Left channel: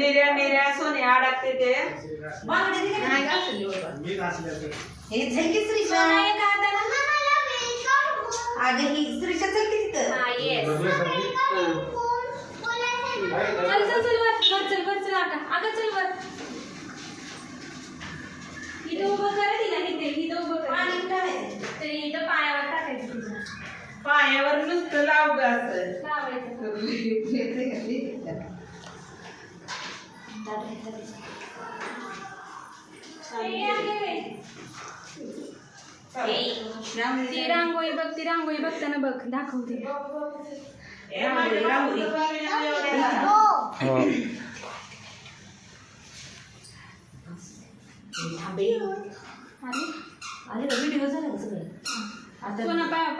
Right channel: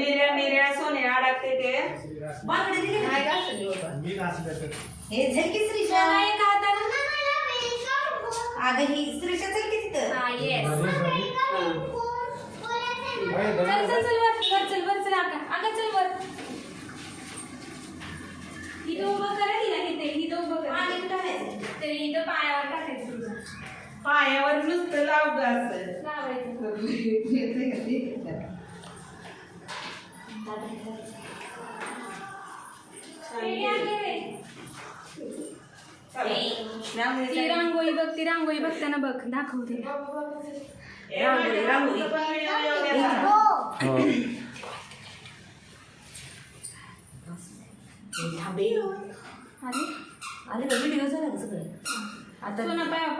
निर्या निर्या सोने अडकते ते हे झलकी श्रीषा अगं ही श्रीषा चल की तिथं चल चल चल वर चल वर चल आका चल वर इथं उभं करा तिला इथं उभं कर आणि टाकायचं ते इथं पायावर टाकायचं तुझं पायावर नुसतं लाव ग असं लावायचं ती रांगोळी बघताना बघ दाखवते रांगोळी अरे व्हिडिओ झाला सगळं आता पाया